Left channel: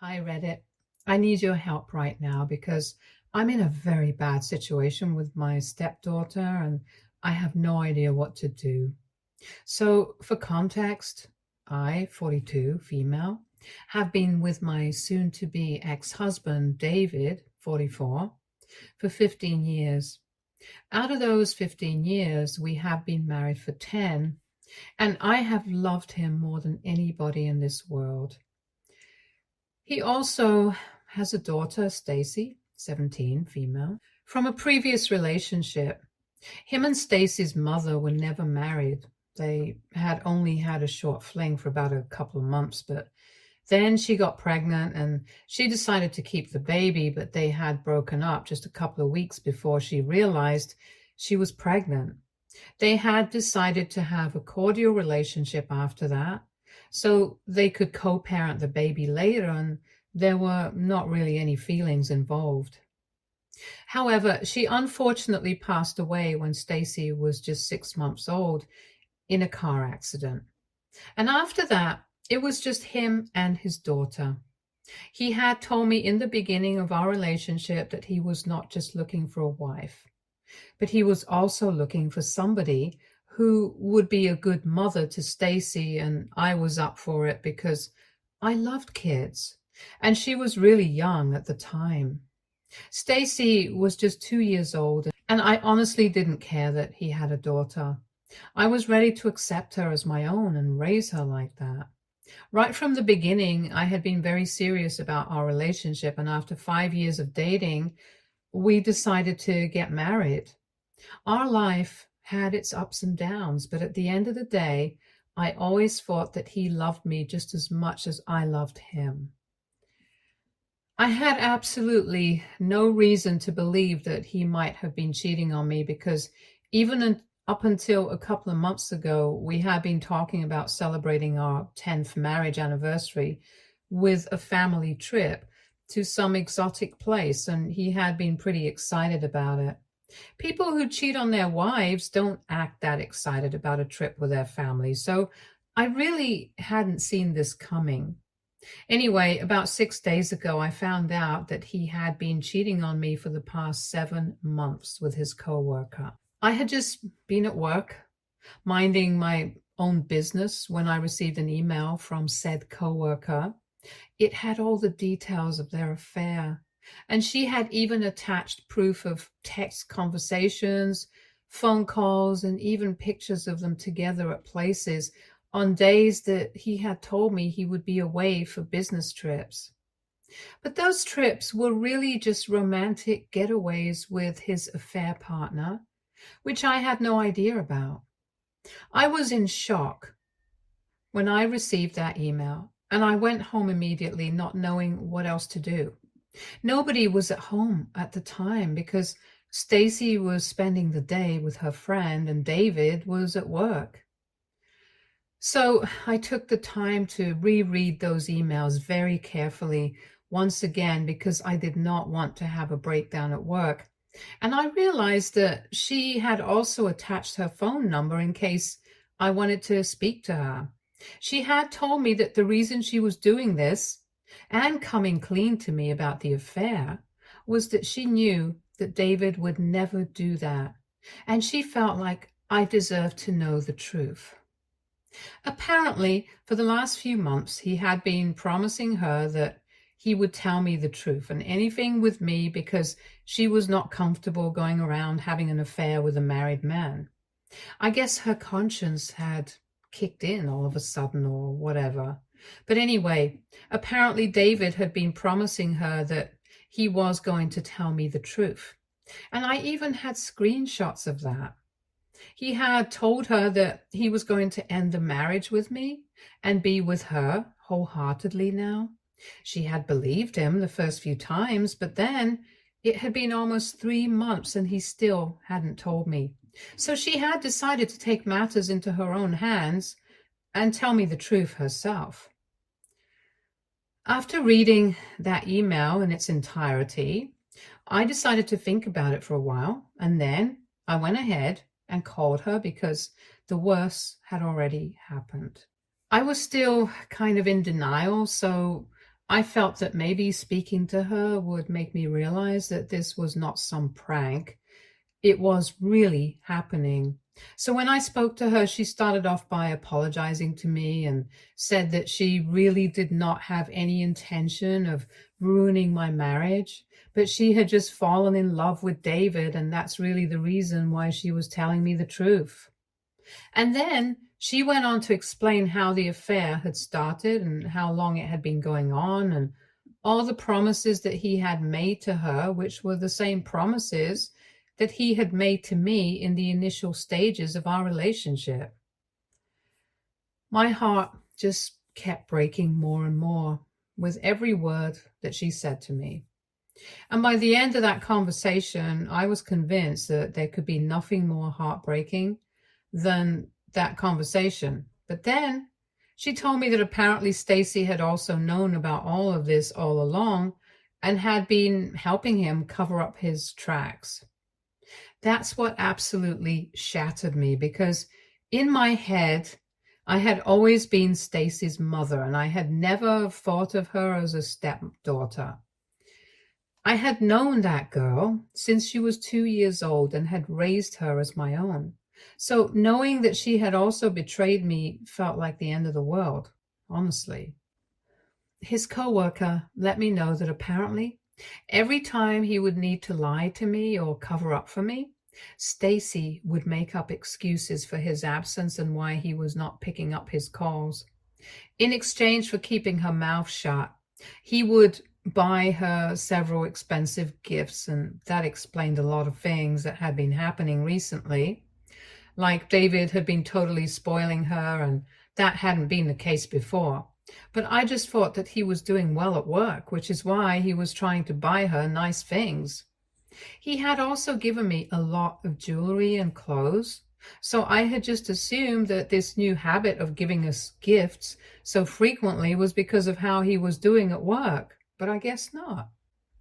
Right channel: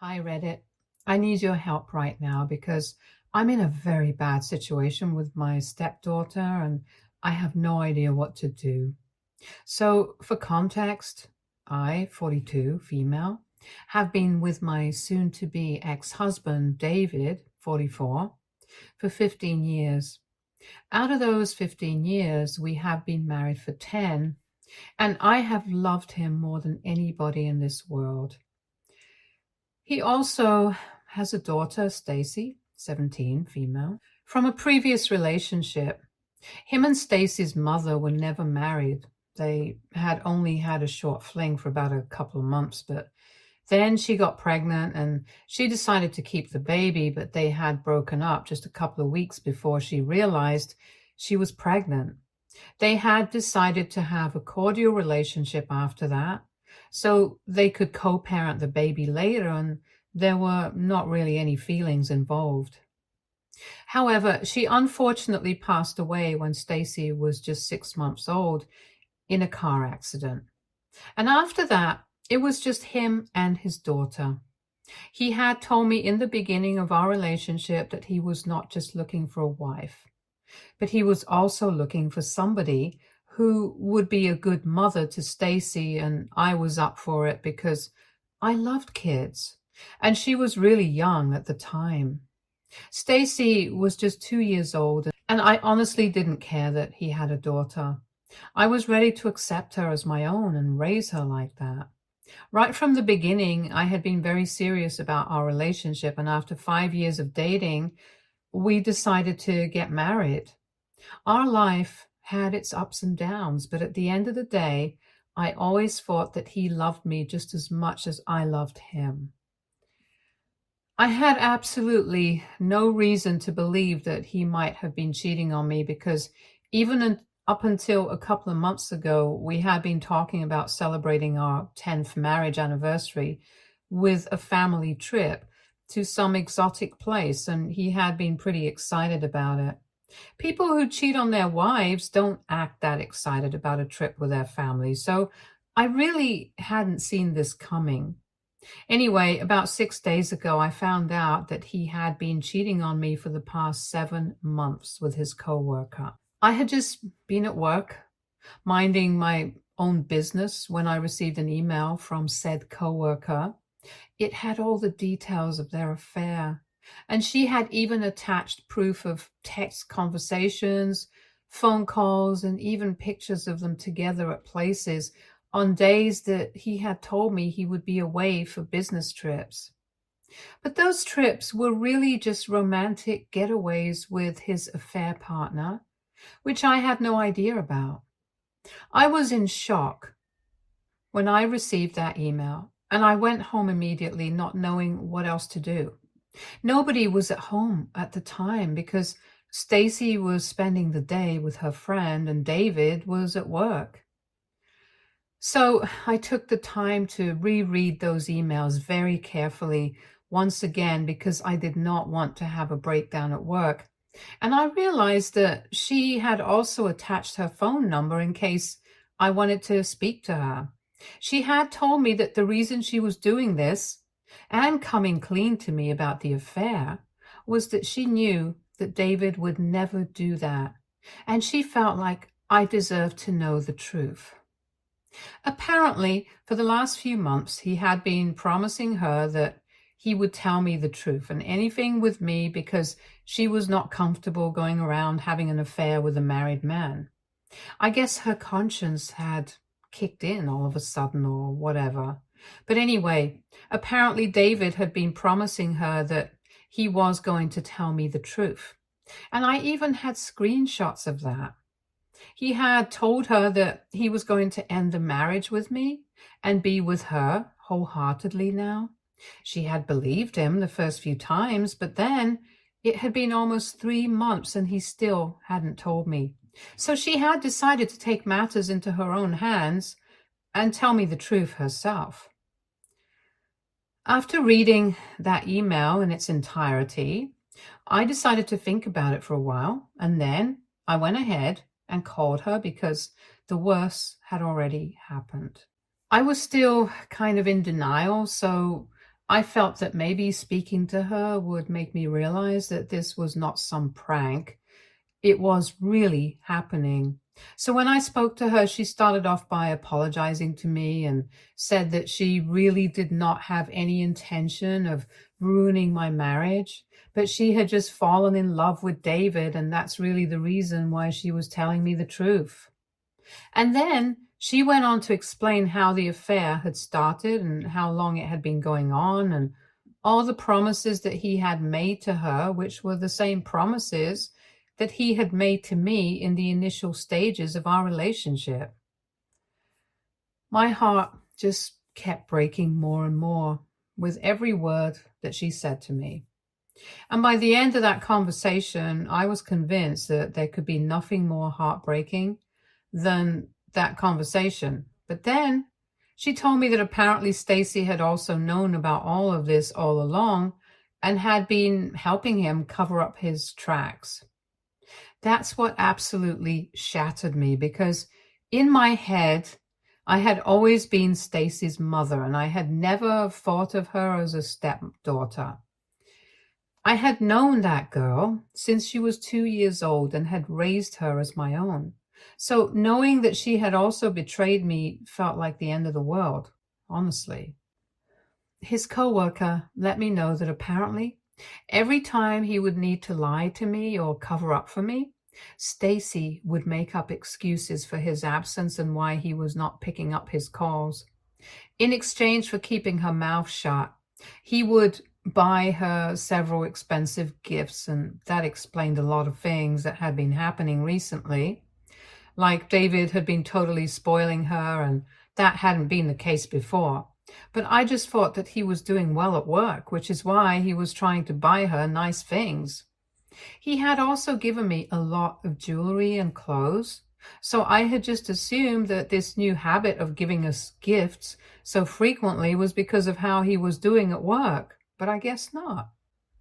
Hi, Reddit. I need your help right now because I'm in a very bad situation with my stepdaughter and I have no idea what to do. So, for context, I, 42, female, have been with my soon to be ex husband, David, 44, for 15 years. Out of those 15 years, we have been married for 10, and I have loved him more than anybody in this world. He also has a daughter, Stacy, 17, female, from a previous relationship. Him and Stacy's mother were never married. They had only had a short fling for about a couple of months, but then she got pregnant and she decided to keep the baby, but they had broken up just a couple of weeks before she realized she was pregnant. They had decided to have a cordial relationship after that, so they could co-parent the baby later, and there were not really any feelings involved. However, she unfortunately passed away when Stacy was just 6 months old in a car accident. And after that, it was just him and his daughter. He had told me in the beginning of our relationship that he was not just looking for a wife, but he was also looking for somebody who would be a good mother to Stacy, and I was up for it because I loved kids, and she was really young at the time. Stacy was just 2 years old, and I honestly didn't care that he had a daughter. I was ready to accept her as my own and raise her like that. Right from the beginning, I had been very serious about our relationship, and after 5 years of dating, we decided to get married. Our life had its ups and downs, but at the end of the day, I always thought that he loved me just as much as I loved him. I had absolutely no reason to believe that he might have been cheating on me because up until a couple of months ago, we had been talking about celebrating our 10th marriage anniversary with a family trip to some exotic place, and he had been pretty excited about it. People who cheat on their wives don't act that excited about a trip with their family, so I really hadn't seen this coming. Anyway, about 6 days ago, I found out that he had been cheating on me for the past 7 months with his coworker. I had just been at work, minding my own business, when I received an email from said coworker. It had all the details of their affair, and she had even attached proof of text conversations, phone calls, and even pictures of them together at places on days that he had told me he would be away for business trips. But those trips were really just romantic getaways with his affair partner, which I had no idea about. I was in shock when I received that email, and I went home immediately, not knowing what else to do. Nobody was at home at the time because Stacy was spending the day with her friend and David was at work. So I took the time to reread those emails very carefully once again because I did not want to have a breakdown at work. And I realized that she had also attached her phone number in case I wanted to speak to her. She had told me that the reason she was doing this and coming clean to me about the affair was that she knew that David would never do that, and she felt like I deserved to know the truth. Apparently, for the last few months, he had been promising her that he would tell me the truth and anything with me because she was not comfortable going around having an affair with a married man. I guess her conscience had kicked in all of a sudden or whatever. But anyway, apparently David had been promising her that he was going to tell me the truth. And I even had screenshots of that. He had told her that he was going to end the marriage with me and be with her wholeheartedly now. She had believed him the first few times, but then it had been almost 3 months and he still hadn't told me. So she had decided to take matters into her own hands and tell me the truth herself. After reading that email in its entirety, I decided to think about it for a while, and then I went ahead and called her because the worst had already happened. I was still kind of in denial, so I felt that maybe speaking to her would make me realize that this was not some prank. It was really happening. So when I spoke to her, she started off by apologizing to me and said that she really did not have any intention of ruining my marriage, but she had just fallen in love with David, and that's really the reason why she was telling me the truth. And then she went on to explain how the affair had started and how long it had been going on, and all the promises that he had made to her, which were the same promises that he had made to me in the initial stages of our relationship. My heart just kept breaking more and more with every word that she said to me. And by the end of that conversation, I was convinced that there could be nothing more heartbreaking than that conversation. But then she told me that apparently Stacy had also known about all of this all along and had been helping him cover up his tracks. That's what absolutely shattered me, because in my head, I had always been Stacy's mother, and I had never thought of her as a stepdaughter. I had known that girl since she was 2 years old and had raised her as my own. So knowing that she had also betrayed me felt like the end of the world, honestly. His coworker let me know that apparently every time he would need to lie to me or cover up for me, Stacy would make up excuses for his absence and why he was not picking up his calls. In exchange for keeping her mouth shut, he would buy her several expensive gifts, and that explained a lot of things that had been happening recently. Like David had been totally spoiling her, and that hadn't been the case before. But I just thought that he was doing well at work, which is why he was trying to buy her nice things. He had also given me a lot of jewelry and clothes, so I had just assumed that this new habit of giving us gifts so frequently was because of how he was doing at work, but I guess not.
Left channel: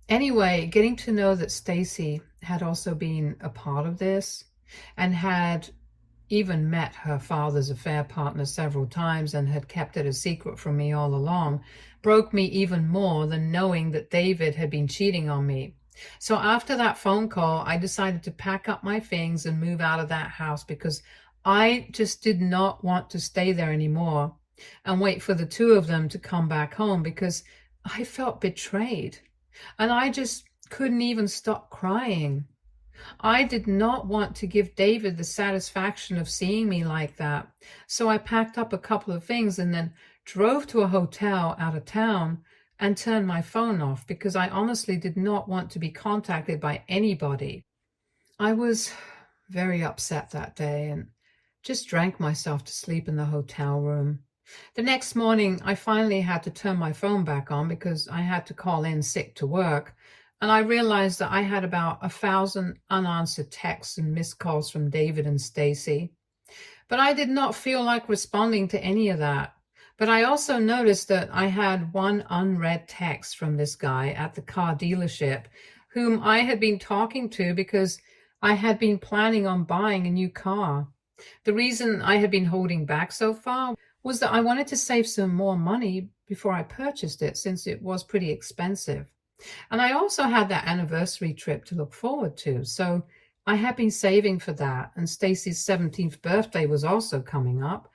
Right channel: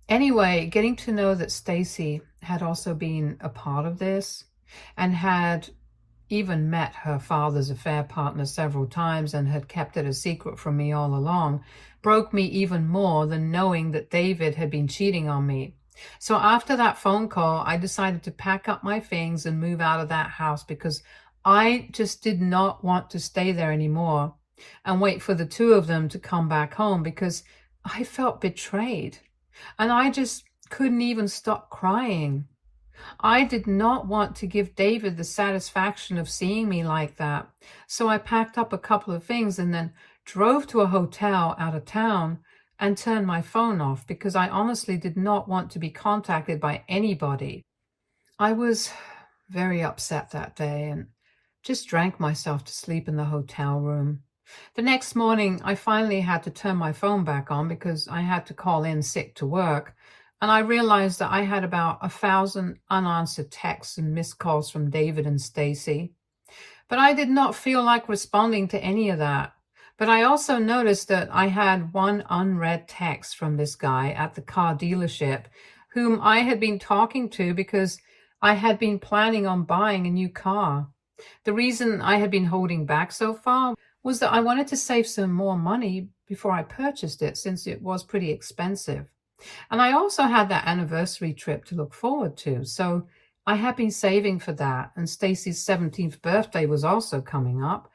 Anyway, getting to know that Stacy had also been a part of this and had even met her father's affair partner several times and had kept it a secret from me all along broke me even more than knowing that David had been cheating on me. So after that phone call, I decided to pack up my things and move out of that house, because I just did not want to stay there anymore and wait for the two of them to come back home, because I felt betrayed and I just couldn't even stop crying. I did not want to give David the satisfaction of seeing me like that. So I packed up a couple of things and then drove to a hotel out of town and turned my phone off, because I honestly did not want to be contacted by anybody. I was very upset that day and just drank myself to sleep in the hotel room. The next morning, I finally had to turn my phone back on because I had to call in sick to work. And I realized that I had about 1,000 unanswered texts and missed calls from David and Stacy. But I did not feel like responding to any of that. But I also noticed that I had one unread text from this guy at the car dealership whom I had been talking to because I had been planning on buying a new car. The reason I had been holding back so far was that I wanted to save some more money before I purchased it, since it was pretty expensive. And I also had that anniversary trip to look forward to. So I had been saving for that. And Stacy's 17th birthday was also coming up,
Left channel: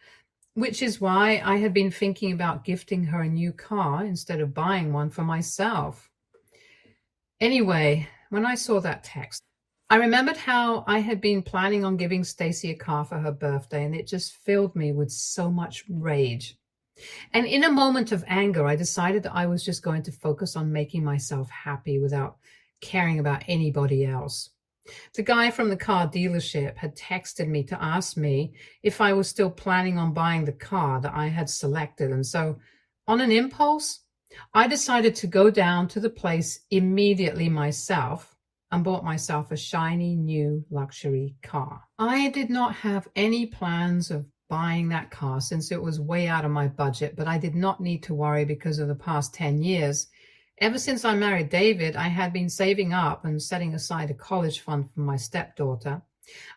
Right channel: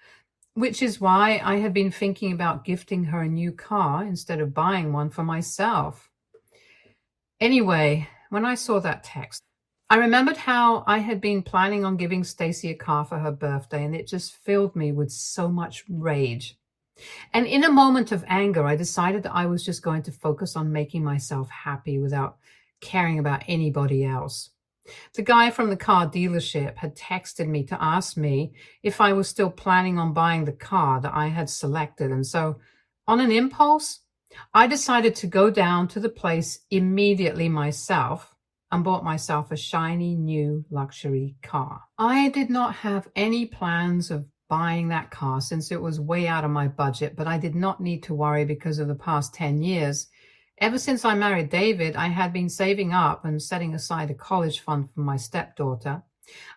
which is why I had been thinking about gifting her a new car instead of buying one for myself. Anyway, when I saw that text, I remembered how I had been planning on giving Stacy a car for her birthday, and it just filled me with so much rage. And in a moment of anger, I decided that I was just going to focus on making myself happy without caring about anybody else. The guy from the car dealership had texted me to ask me if I was still planning on buying the car that I had selected. And so, on an impulse, I decided to go down to the place immediately myself and bought myself a shiny new luxury car. I did not have any plans of buying that car since it was way out of my budget, but I did not need to worry because of the past 10 years. Ever since I married David, I had been saving up and setting aside a college fund for my stepdaughter.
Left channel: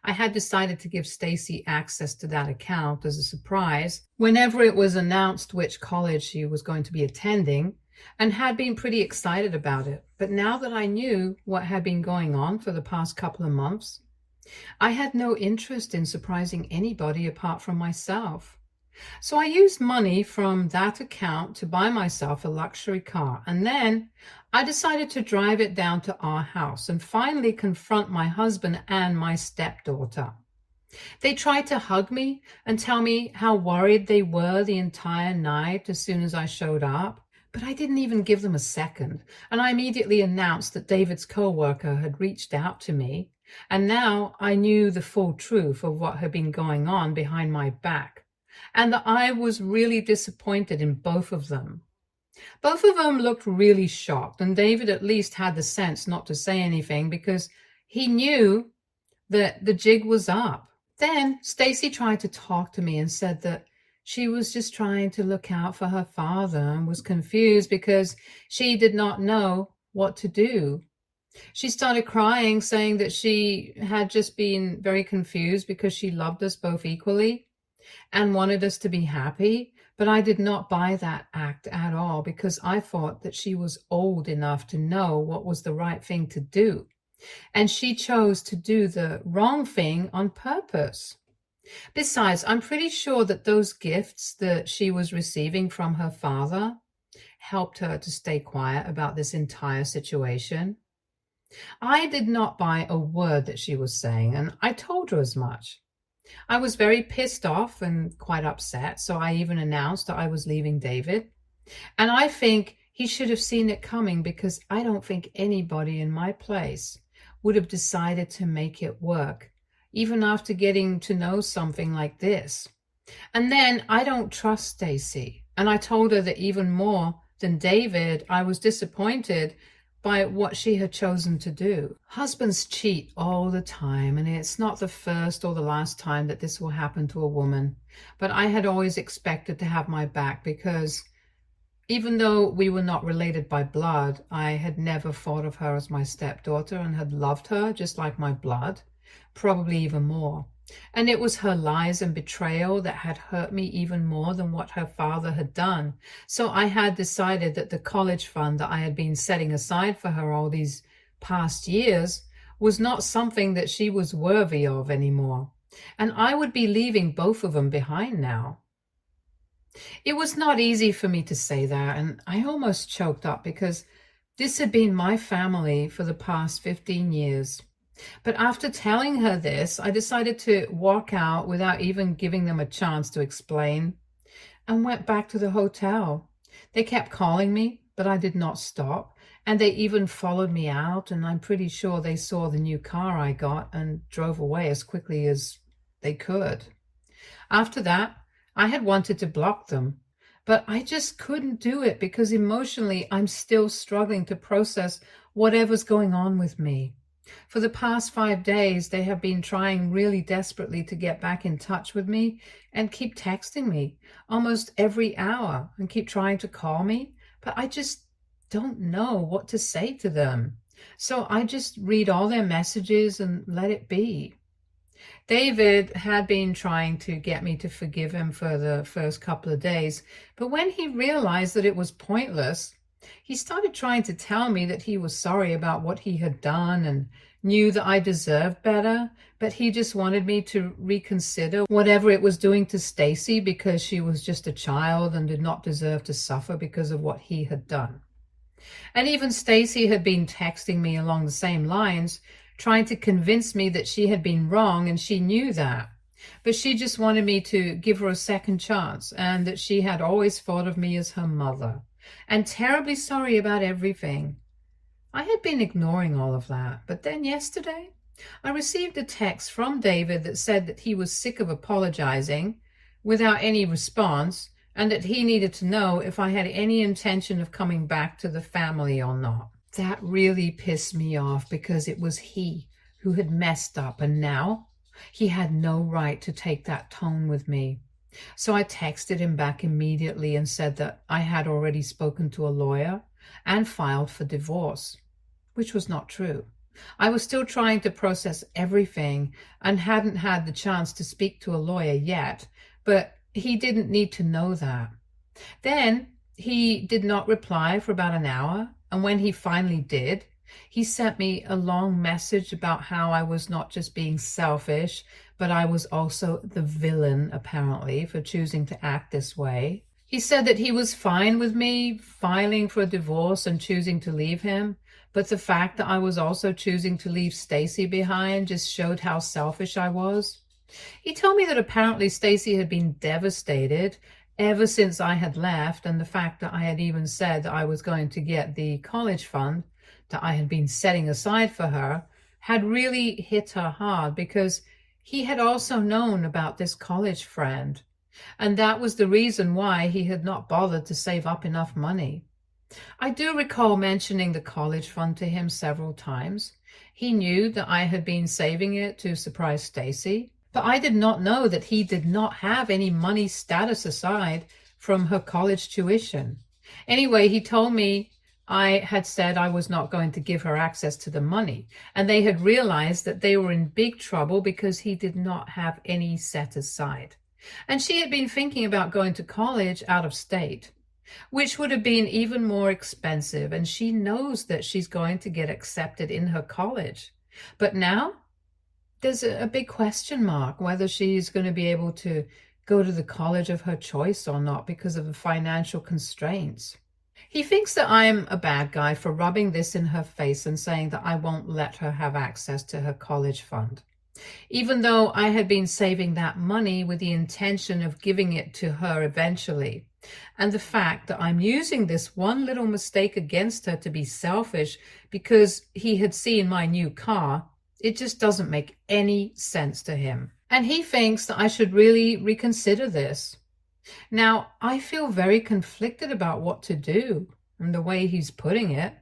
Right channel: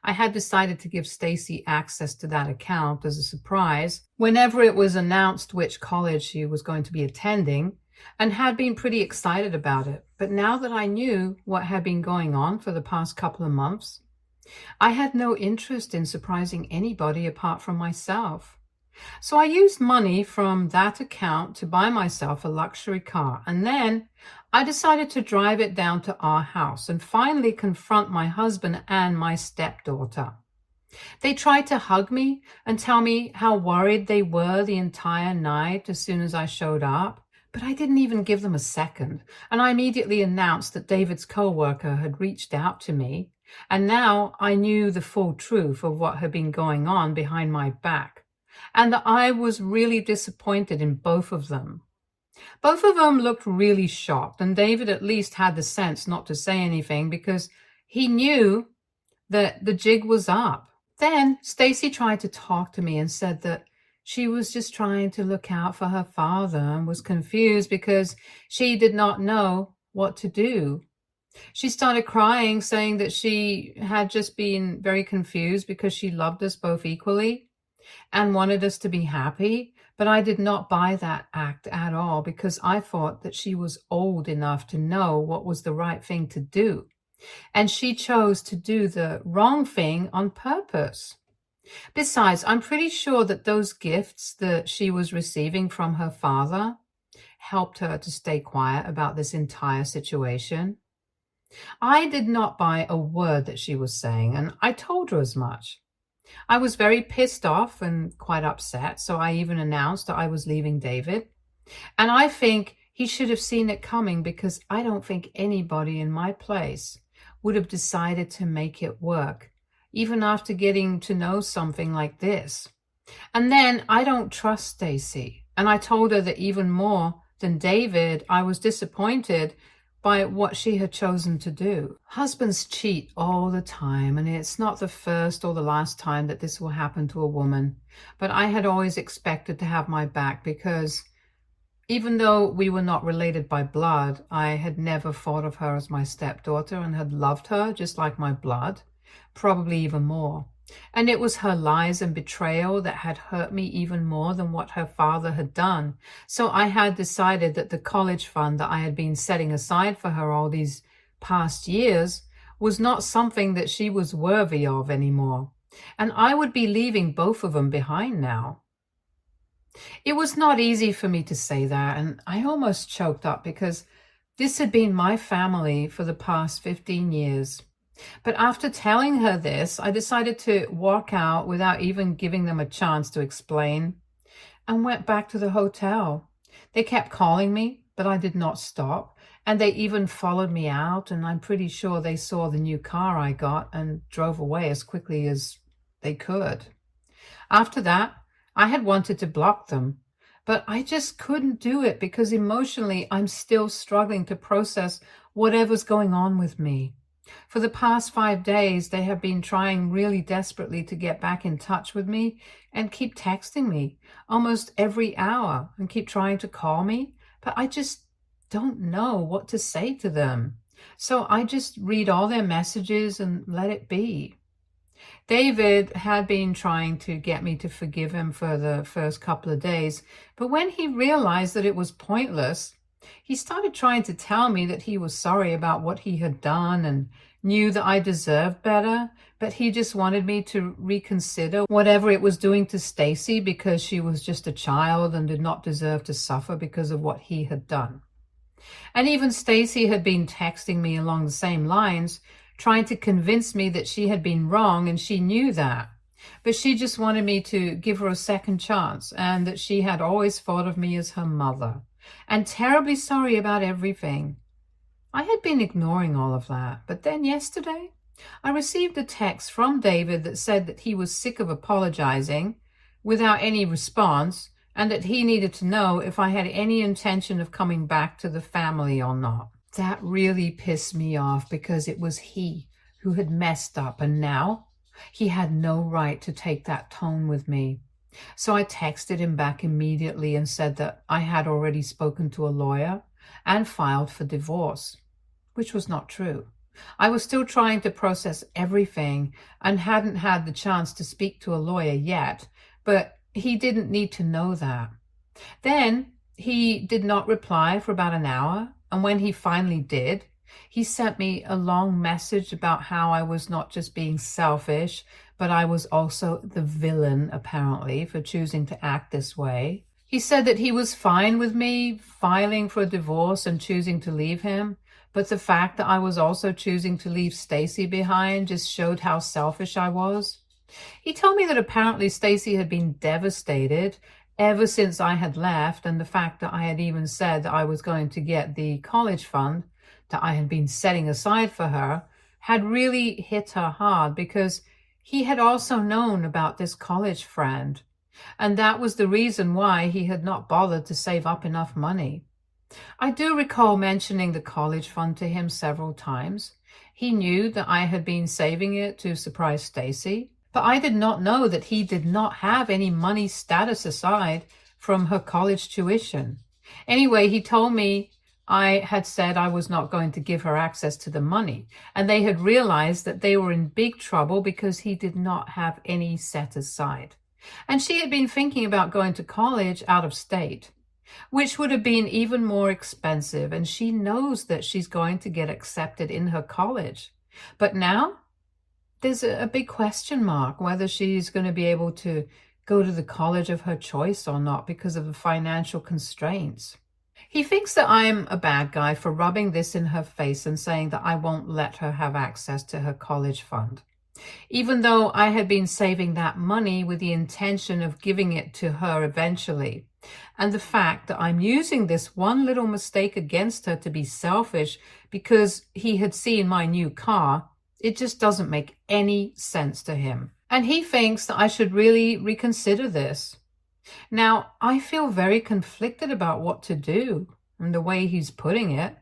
I had decided to give Stacy access to that account as a surprise whenever it was announced which college she was going to be attending. and had been pretty excited about it. But now that I knew what had been going on for the past couple of months, I had no interest in surprising anybody apart from myself. So I used money from that account to buy myself a luxury car, and then I decided to drive it down to our house and finally confront my husband and my stepdaughter. They tried to hug me and tell me how worried they were the entire night as soon as I showed up, but I didn't even give them a second, and I immediately announced that David's co-worker had reached out to me, and now I knew the full truth of what had been going on behind my back, and that I was really disappointed in both of them. Both of them looked really shocked, and David at least had the sense not to say anything because he knew that the jig was up. Then Stacy tried to talk to me and said that she was just trying to look out for her father and was confused because she did not know what to do. She started crying, saying that she had just been very confused because she loved us both equally and wanted us to be happy. But I did not buy that act at all because I thought that she was old enough to know what was the right thing to do. And she chose to do the wrong thing on purpose. Besides, I'm pretty sure that those gifts that she was receiving from her father helped her to stay quiet about this entire situation. I did not buy a word that she was saying, and I told her as much. I was very pissed off and quite upset, so I even announced that I was leaving David. And I think he should have seen it coming because I don't think anybody in my place would have decided to make it work, even after getting to know something like this. And then I don't trust Stacy. And I told her that even more than David, I was disappointed by what she had chosen to do. Husbands cheat all the time, and it's not the first or the last time that this will happen to a woman. But I had always expected to have my back because even though we were not related by blood, I had never thought of her as my stepdaughter and had loved her just like my blood, probably even more. And it was her lies and betrayal that had hurt me even more than what her father had done. So I had decided that the college fund that I had been setting aside for her all these past years was not something that she was worthy of anymore. And I would be leaving both of them behind now. It was not easy for me to say that, and I almost choked up because this had been my family for the past 15 years. But after telling her this, I decided to walk out without even giving them a chance to explain and went back to the hotel. They kept calling me, but I did not stop, and they even followed me out, and I'm pretty sure they saw the new car I got and drove away as quickly as they could. After that, I had wanted to block them, but I just couldn't do it because emotionally I'm still struggling to process whatever's going on with me. For the past 5 days, they have been trying really desperately to get back in touch with me and keep texting me almost every hour and keep trying to call me, but I just don't know what to say to them. So I just read all their messages and let it be. David had been trying to get me to forgive him for the first couple of days, but when he realized that it was pointless, he started trying to tell me that he was sorry about what he had done and knew that I deserved better, but he just wanted me to reconsider whatever it was doing to Stacy because she was just a child and did not deserve to suffer because of what he had done. And even Stacy had been texting me along the same lines, trying to convince me that she had been wrong and she knew that. But she just wanted me to give her a second chance and that she had always thought of me as her mother and terribly sorry about everything. I had been ignoring all of that, but then yesterday I received a text from David that said that he was sick of apologizing without any response and that he needed to know if I had any intention of coming back to the family or not. That really pissed me off because it was he who had messed up and now he had no right to take that tone with me. So I texted him back immediately and said that I had already spoken to a lawyer and filed for divorce, which was not true. I was still trying to process everything and hadn't had the chance to speak to a lawyer yet, but he didn't need to know that. Then He did not reply for about an hour, and when he finally did, he sent me a long message about how I was not just being selfish, but I was also the villain, apparently, for choosing to act this way. He said that he was fine with me filing for a divorce and choosing to leave him, but the fact that I was also choosing to leave Stacy behind just showed how selfish I was. He told me that apparently Stacy had been devastated ever since I had left, and the fact that I had even said that I was going to get the college fund that I had been setting aside for her had really hit her hard because he had also known about this college friend, and that was the reason why he had not bothered to save up enough money. I do recall mentioning the college fund to him several times. He knew that I had been saving it to surprise Stacy, but I did not know that he did not have any money status aside from her college tuition. Anyway, he told me I had said I was not going to give her access to the money, and they had realized that they were in big trouble because he did not have any set aside. And she had been thinking about going to college out of state, which would have been even more expensive, and she knows that she's going to get accepted in her college. But now there's a big question mark whether she's going to be able to go to the college of her choice or not because of the financial constraints. He thinks that I'm a bad guy for rubbing this in her face and saying that I won't let her have access to her college fund, even though I had been saving that money with the intention of giving it to her eventually. And the fact that I'm using this one little mistake against her to be selfish because he had seen my new car, it just doesn't make any sense to him. And he thinks that I should really reconsider this. Now, I feel very conflicted about what to do and the way he's putting it.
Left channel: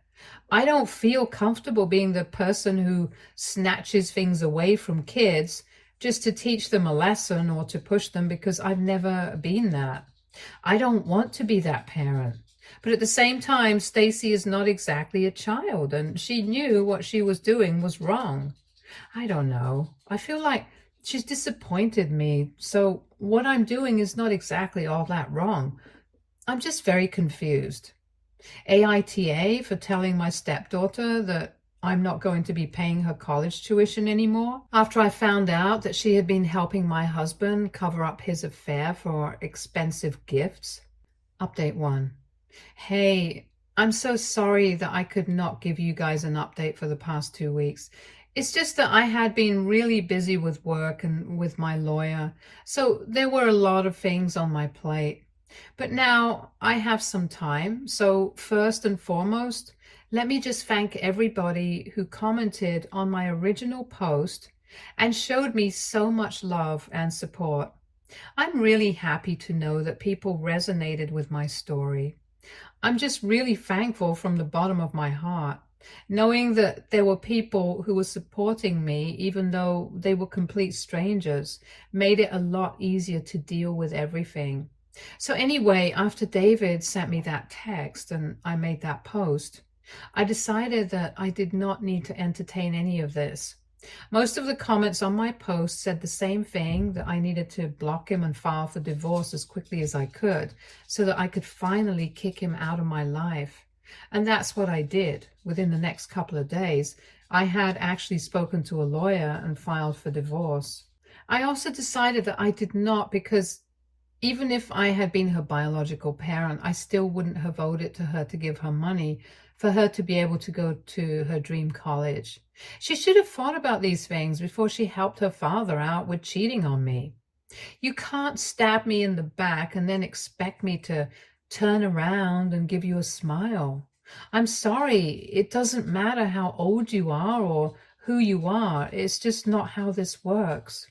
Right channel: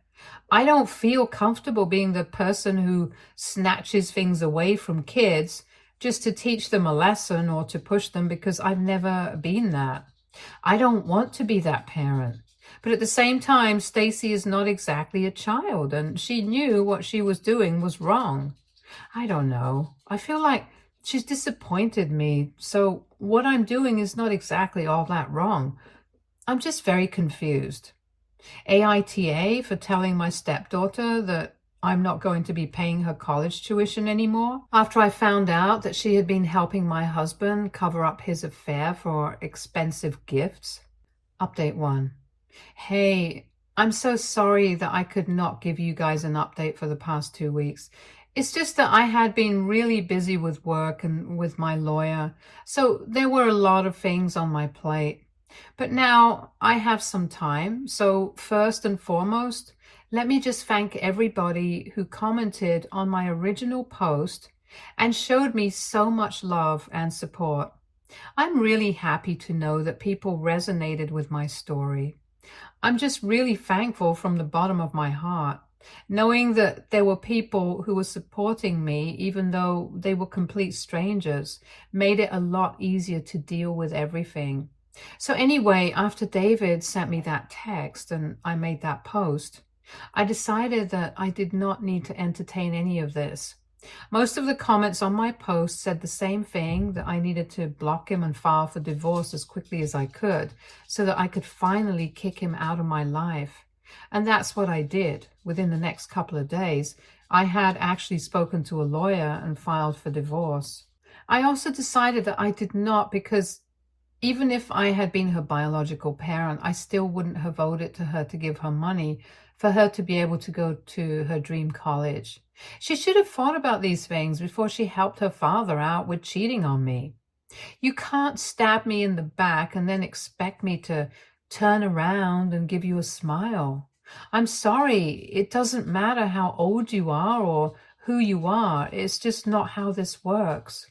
I don't feel comfortable being the person who snatches things away from kids just to teach them a lesson or to push them because I've never been that. I don't want to be that parent. But at the same time, Stacy is not exactly a child, and she knew what she was doing was wrong. I don't know. I feel like she's disappointed me, so what I'm doing is not exactly all that wrong. I'm just very confused. AITA for telling my stepdaughter that I'm not going to be paying her college tuition anymore after I found out that she had been helping my husband cover up his affair for expensive gifts. Update 1. Hey, I'm so sorry that I could not give you guys an update for the past 2 weeks. It's just that I had been really busy with work and with my lawyer, so there were a lot of things on my plate. But now I have some time, so first and foremost, let me just thank everybody who commented on my original post and showed me so much love and support. I'm really happy to know that people resonated with my story. I'm just really thankful from the bottom of my heart, knowing that there were people who were supporting me, even though they were complete strangers, made it a lot easier to deal with everything. So anyway, after David sent me that text and I made that post, I decided that I did not need to entertain any of this. Most of the comments on my post said the same thing, that I needed to block him and file for divorce as quickly as I could so that I could finally kick him out of my life. And that's what I did. Within the next couple of days, I had actually spoken to a lawyer and filed for divorce. I also decided that I did not, because even if I had been her biological parent, I still wouldn't have owed it to her to give her money for her to be able to go to her dream college. She should have thought about these things before she helped her father out with cheating on me. You can't stab me in the back and then expect me to turn around and give you a smile. I'm sorry, it doesn't matter how old you are or who you are. It's just not how this works.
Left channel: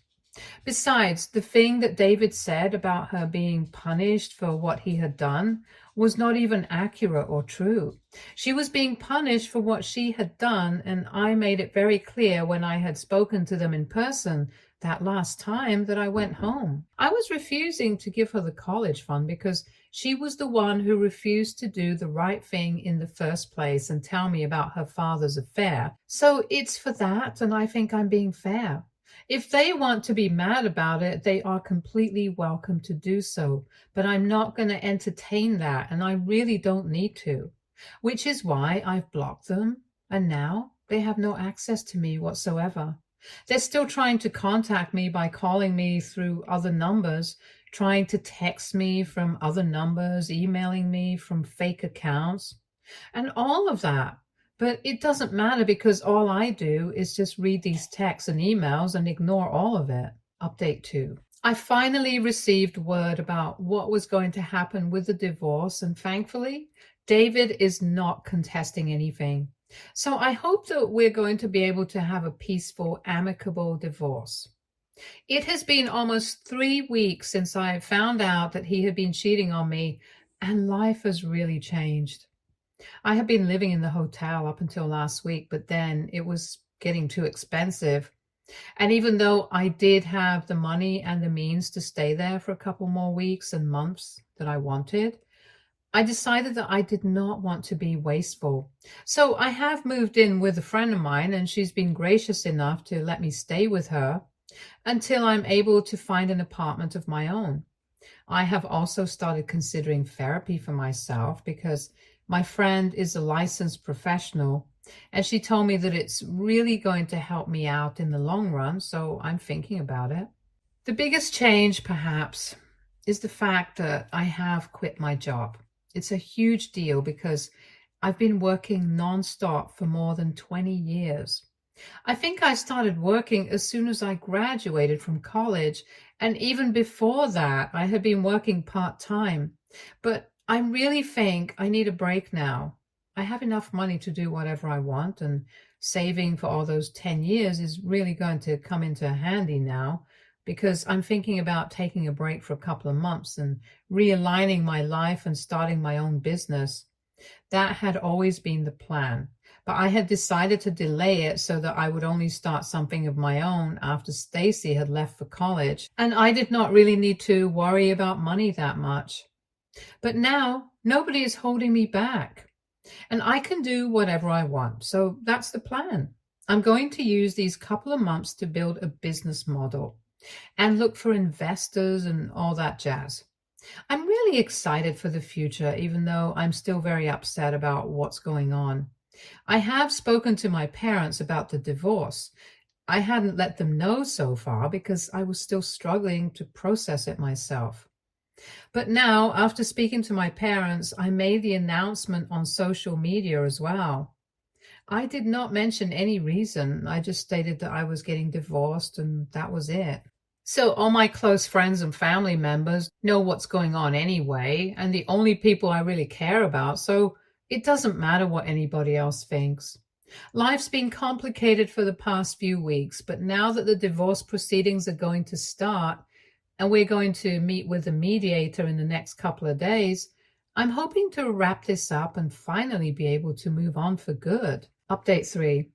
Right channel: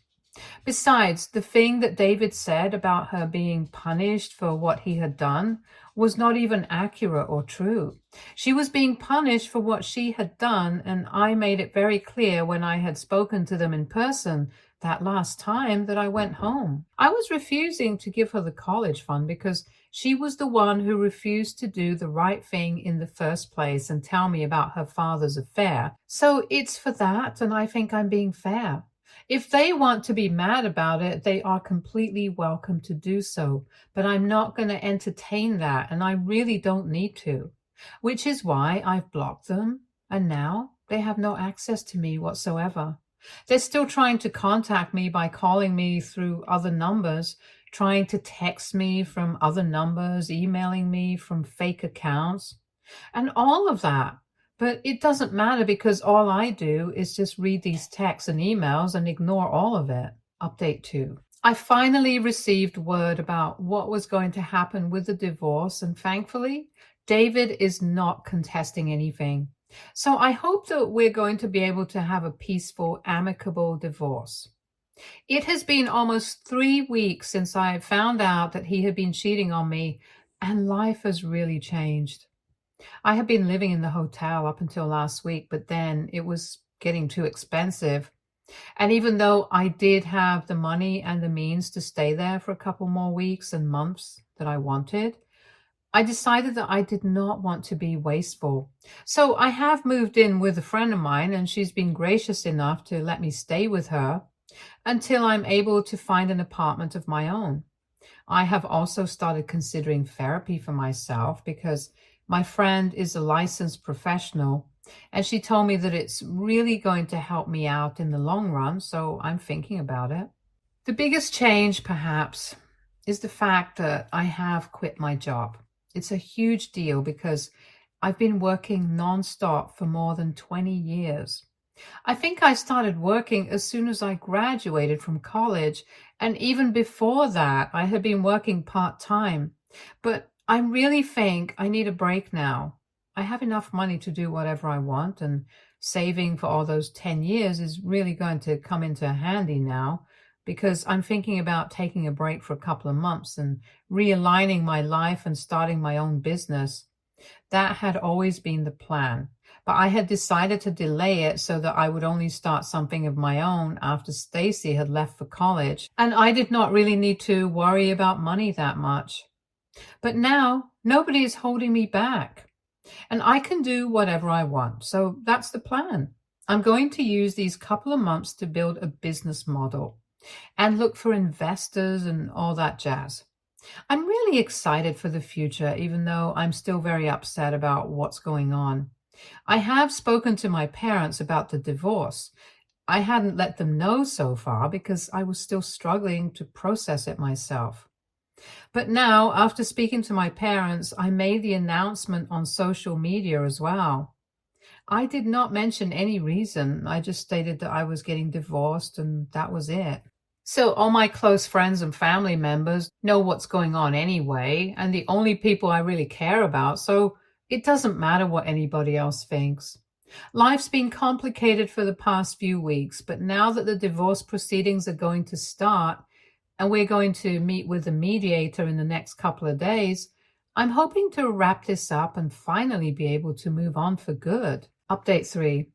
Besides, the thing that David said about her being punished for what he had done was not even accurate or true. She was being punished for what she had done, and I made it very clear when I had spoken to them in person that last time that I went home. I was refusing to give her the college fund because she was the one who refused to do the right thing in the first place and tell me about her father's affair. So it's for that, and I think I'm being fair. If they want to be mad about it, they are completely welcome to do so. But I'm not going to entertain that, and I really don't need to, which is why I've blocked them, and now they have no access to me whatsoever. They're still trying to contact me by calling me through other numbers, trying to text me from other numbers, emailing me from fake accounts, and all of that. But it doesn't matter because all I do is just read these texts and emails and ignore all of it. Update 2. I finally received word about what was going to happen with the divorce, and thankfully, David is not contesting anything. So I hope that we're going to be able to have a peaceful, amicable divorce. It has been almost 3 weeks since I found out that he had been cheating on me, and life has really changed. I had been living in the hotel up until last week, but then it was getting too expensive. And even though I did have the money and the means to stay there for a couple more weeks and months that I wanted, I decided that I did not want to be wasteful. So I have moved in with a friend of mine, and she's been gracious enough to let me stay with her until I'm able to find an apartment of my own. I have also started considering therapy for myself because my friend is a licensed professional, and she told me that it's really going to help me out in the long run, so I'm thinking about it. The biggest change, perhaps, is the fact that I have quit my job. It's a huge deal because I've been working nonstop for more than 20 years. I think I started working as soon as I graduated from college, and even before that, I had been working part-time. But I really think I need a break now. I have enough money to do whatever I want, and saving for all those 10 years is really going to come into handy now because I'm thinking about taking a break for a couple of months and realigning my life and starting my own business. That had always been the plan, but I had decided to delay it so that I would only start something of my own after Stacy had left for college, and I did not really need to worry about money that much. But now nobody is holding me back, and I can do whatever I want. So that's the plan. I'm going to use these couple of months to build a business model and look for investors and all that jazz. I'm really excited for the future, even though I'm still very upset about what's going on. I have spoken to my parents about the divorce. I hadn't let them know so far because I was still struggling to process it myself. But now, after speaking to my parents, I made the announcement on social media as well. I did not mention any reason. I just stated that I was getting divorced and that was it. So all my close friends and family members know what's going on anyway, and the only people I really care about, so it doesn't matter what anybody else thinks. Life's been complicated for the past few weeks, but now that the divorce proceedings are going to start, and we're going to meet with the mediator in the next couple of days, I'm hoping to wrap this up and finally be able to move on for good. Update 3.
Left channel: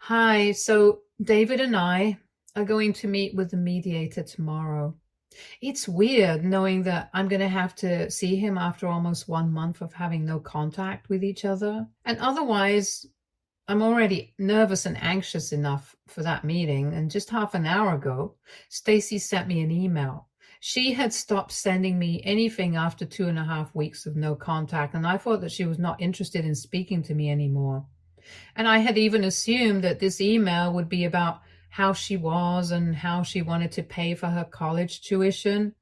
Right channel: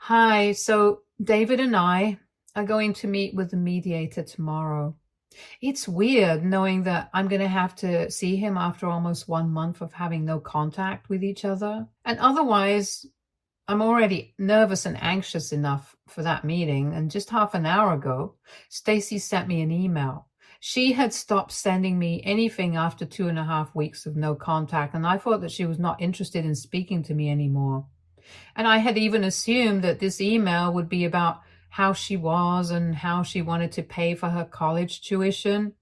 Hi, so David and I are going to meet with the mediator tomorrow. It's weird knowing that I'm going to have to see him after almost 1 month of having no contact with each other. And otherwise, I'm already nervous and anxious enough for that meeting. And just half an hour ago, Stacy sent me an email. She had stopped sending me anything after 2.5 weeks of no contact, and I thought that she was not interested in speaking to me anymore. And I had even assumed that this email would be about how she was and how she wanted to pay for her college tuition.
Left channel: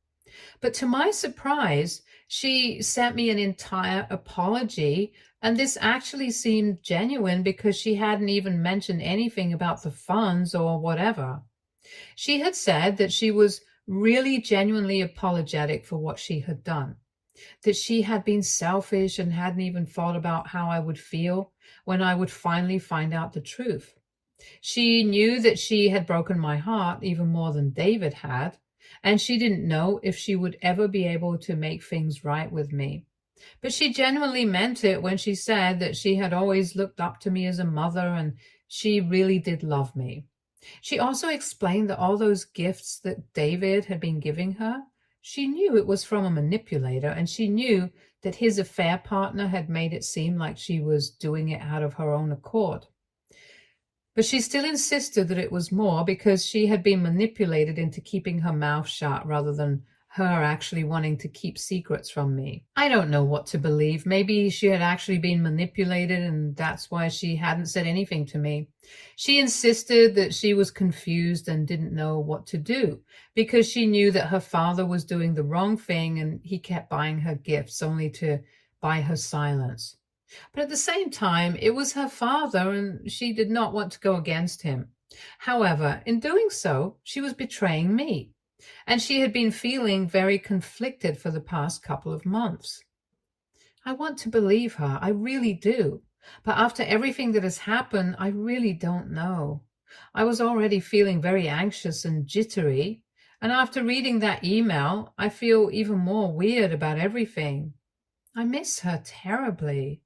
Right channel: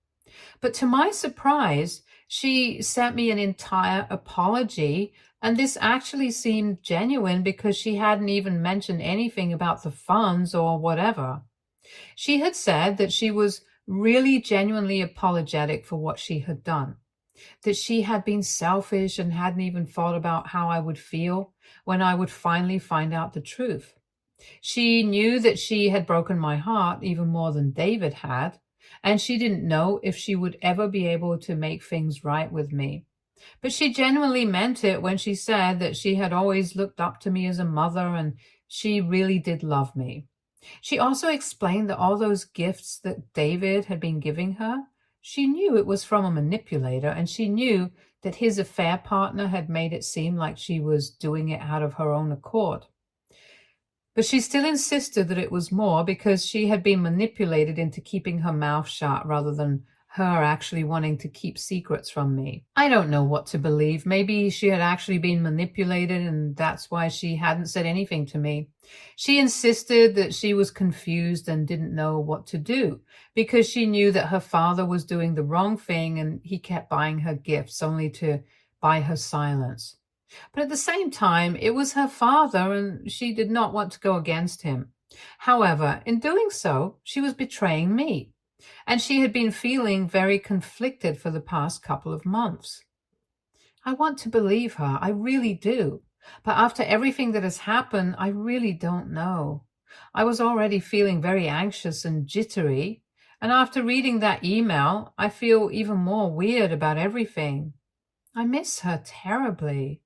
But to my surprise, she sent me an entire apology, and this actually seemed genuine because she hadn't even mentioned anything about the funds or whatever. She had said that she was really genuinely apologetic for what she had done, that she had been selfish and hadn't even thought about how I would feel when I would finally find out the truth. She knew that she had broken my heart even more than David had, and she didn't know if she would ever be able to make things right with me. But she genuinely meant it when she said that she had always looked up to me as a mother and she really did love me. She also explained that all those gifts that David had been giving her, she knew it was from a manipulator, and she knew that his affair partner had made it seem like she was doing it out of her own accord. But she still insisted that it was more because she had been manipulated into keeping her mouth shut rather than her actually wanting to keep secrets from me. I don't know what to believe. Maybe she had actually been manipulated and that's why she hadn't said anything to me. She insisted that she was confused and didn't know what to do because she knew that her father was doing the wrong thing and he kept buying her gifts only to buy her silence. But at the same time, it was her father and she did not want to go against him. However, in doing so, she was betraying me, and she had been feeling very conflicted for the past couple of months. I want to believe her, I really do. But after everything that has happened, I really don't know. I was already feeling very anxious and jittery, and after reading that email, I feel even more weird about everything. I miss her terribly.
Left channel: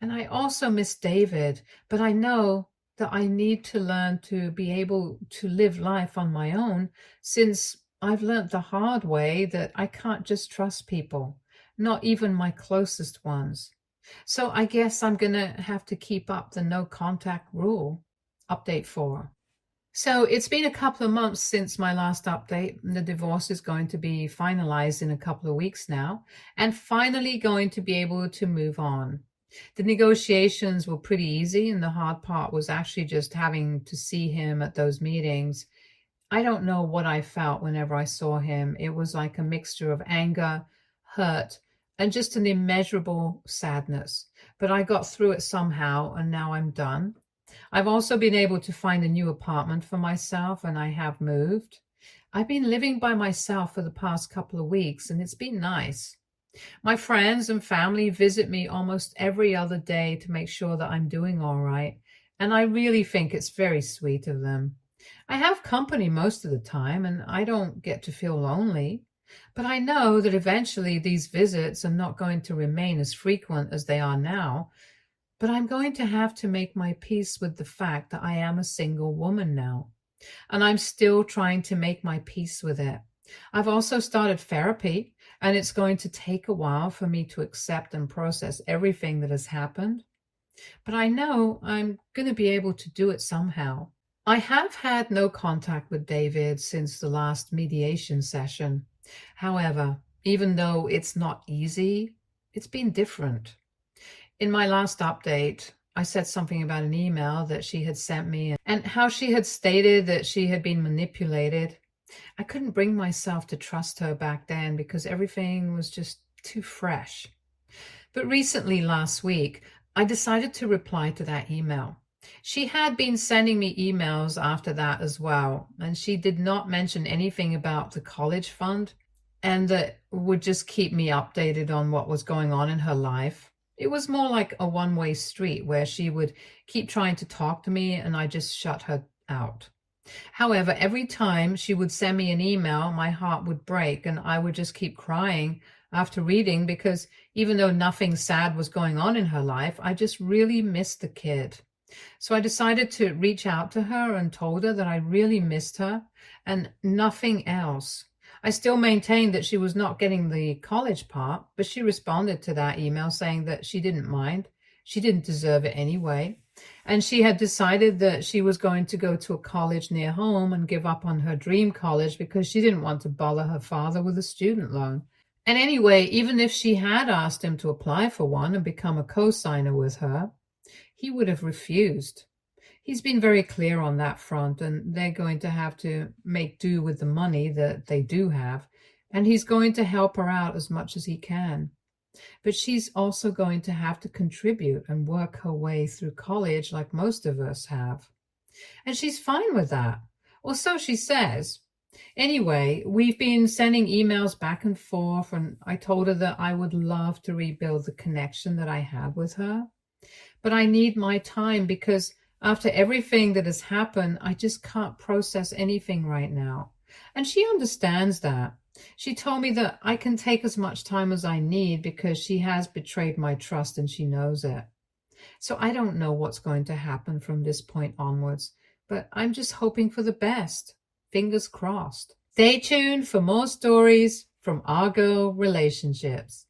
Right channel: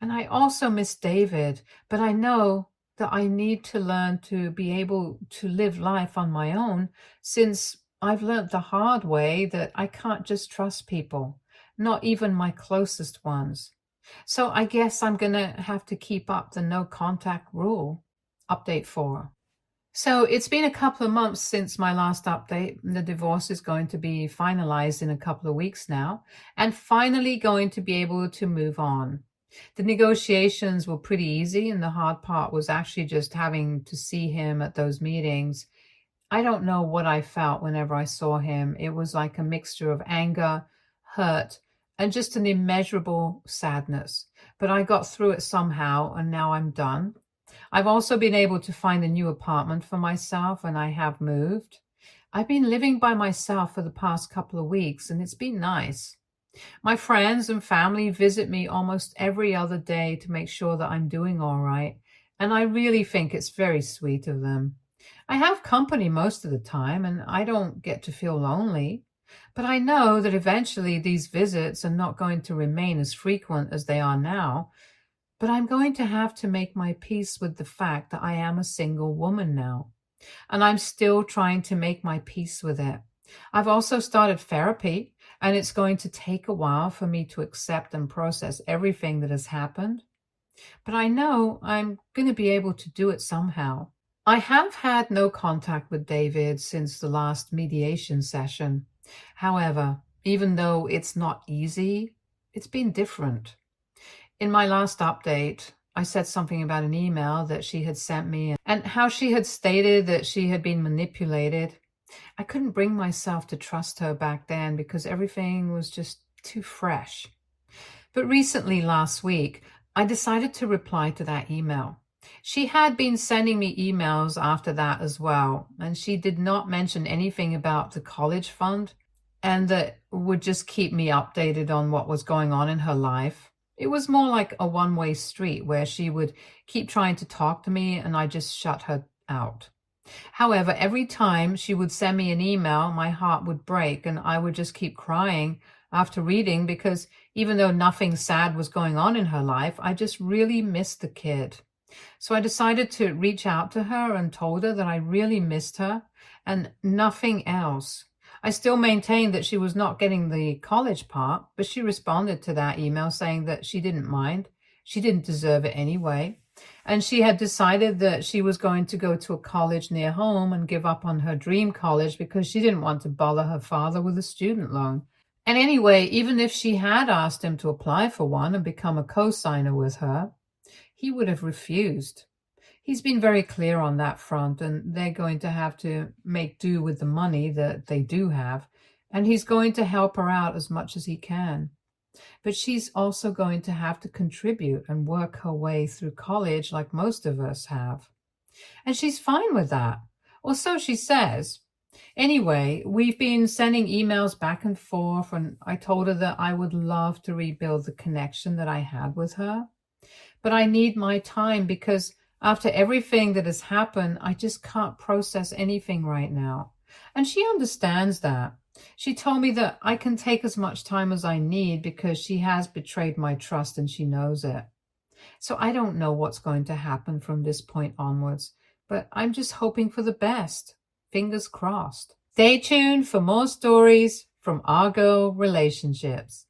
And I also miss David, but I know that I need to learn to be able to live life on my own since I've learned the hard way that I can't just trust people, not even my closest ones. So I guess I'm going to have to keep up the no contact rule. Update 4. So it's been a couple of months since my last update. The divorce is going to be finalized in a couple of weeks now, and finally going to be able to move on. The negotiations were pretty easy, and the hard part was actually just having to see him at those meetings. I don't know what I felt whenever I saw him. It was like a mixture of anger, hurt, and just an immeasurable sadness. But I got through it somehow, and now I'm done. I've also been able to find a new apartment for myself, and I have moved. I've been living by myself for the past couple of weeks, and it's been nice. My friends and family visit me almost every other day to make sure that I'm doing all right, and I really think it's very sweet of them. I have company most of the time, and I don't get to feel lonely, but I know that eventually these visits are not going to remain as frequent as they are now. But I'm going to have to make my peace with the fact that I am a single woman now, and I'm still trying to make my peace with it. I've also started therapy, and it's going to take a while for me to accept and process everything that has happened. But I know I'm going to be able to do it somehow. I have had no contact with David since the last mediation session. However, even though it's not easy, it's been different. In my last update, I said something about an email that she had sent me and how she had stated that she had been manipulated. I couldn't bring myself to trust her back then because everything was just too fresh. But recently, last week, I decided to reply to that email. She had been sending me emails after that as well, and she did not mention anything about the college fund and that would just keep me updated on what was going on in her life. It was more like a one-way street where she would keep trying to talk to me and I just shut her out. However, every time she would send me an email, my heart would break and I would just keep crying after reading because even though nothing sad was going on in her life, I just really missed the kid. So I decided to reach out to her and told her that I really missed her and nothing else. I still maintained that she was not getting the college part, but she responded to that email saying that she didn't mind. She didn't deserve it anyway. And she had decided that she was going to go to a college near home and give up on her dream college because she didn't want to bother her father with a student loan. And anyway, even if she had asked him to apply for one and become a co-signer with her, he would have refused. He's been very clear on that front, and they're going to have to make do with the money that they do have, and he's going to help her out as much as he can. But she's also going to have to contribute and work her way through college like most of us have. And she's fine with that, or so she says. Anyway, we've been sending emails back and forth, and I told her that I would love to rebuild the connection that I had with her. But I need my time because after everything that has happened, I just can't process anything right now. And she understands that. She told me that I can take as much time as I need because she has betrayed my trust and she knows it. So I don't know what's going to happen from this point onwards, but I'm just hoping for the best. Fingers crossed. Stay tuned for more stories from our girl relationships.